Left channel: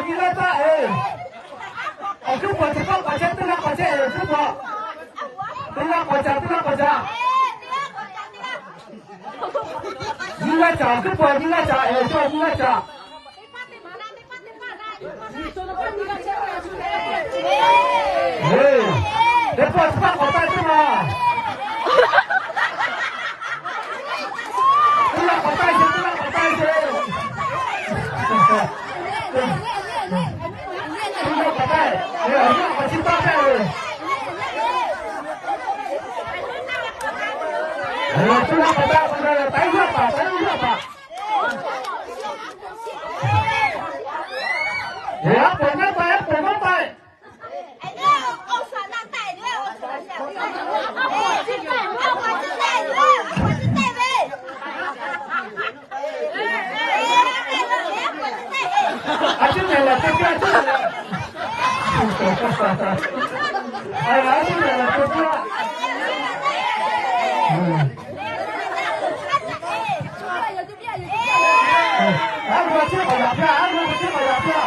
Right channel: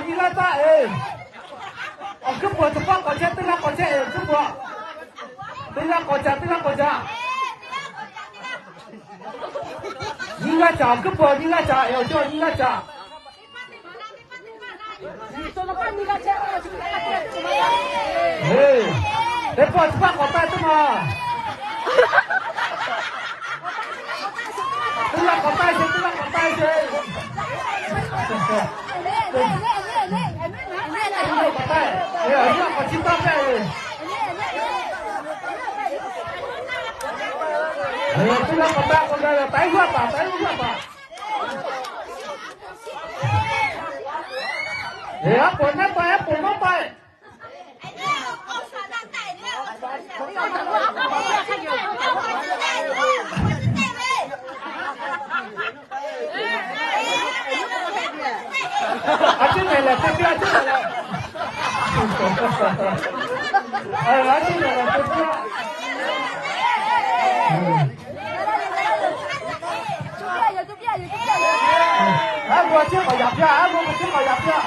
你来打哎，中国这个国家对那国家中国，对那国家对那国家，你来打中国你来打，有叫你来打。cepat cepat kota itu mah. Pulang kota itu, pulang kota itu. Pulang kota. Ya, ini kota itu. Pulang kota, kota. Tahu apa? Tahu apa? Ya, punya apa ya? Punya apa? Aja nela, tapi aja nela. Aja nela, tapi. Aku aja banyak ya, aku aja banyak ya.